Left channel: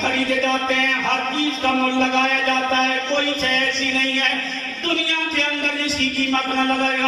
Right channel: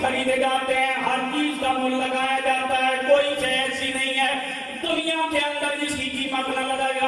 خریدے جاتے ہیں، ہر چیز کا مول لگایا جاتا ہے، کوئی شے ایسی نہیں ہے دنیا کے اندر جس کی قیمت نہ لگائی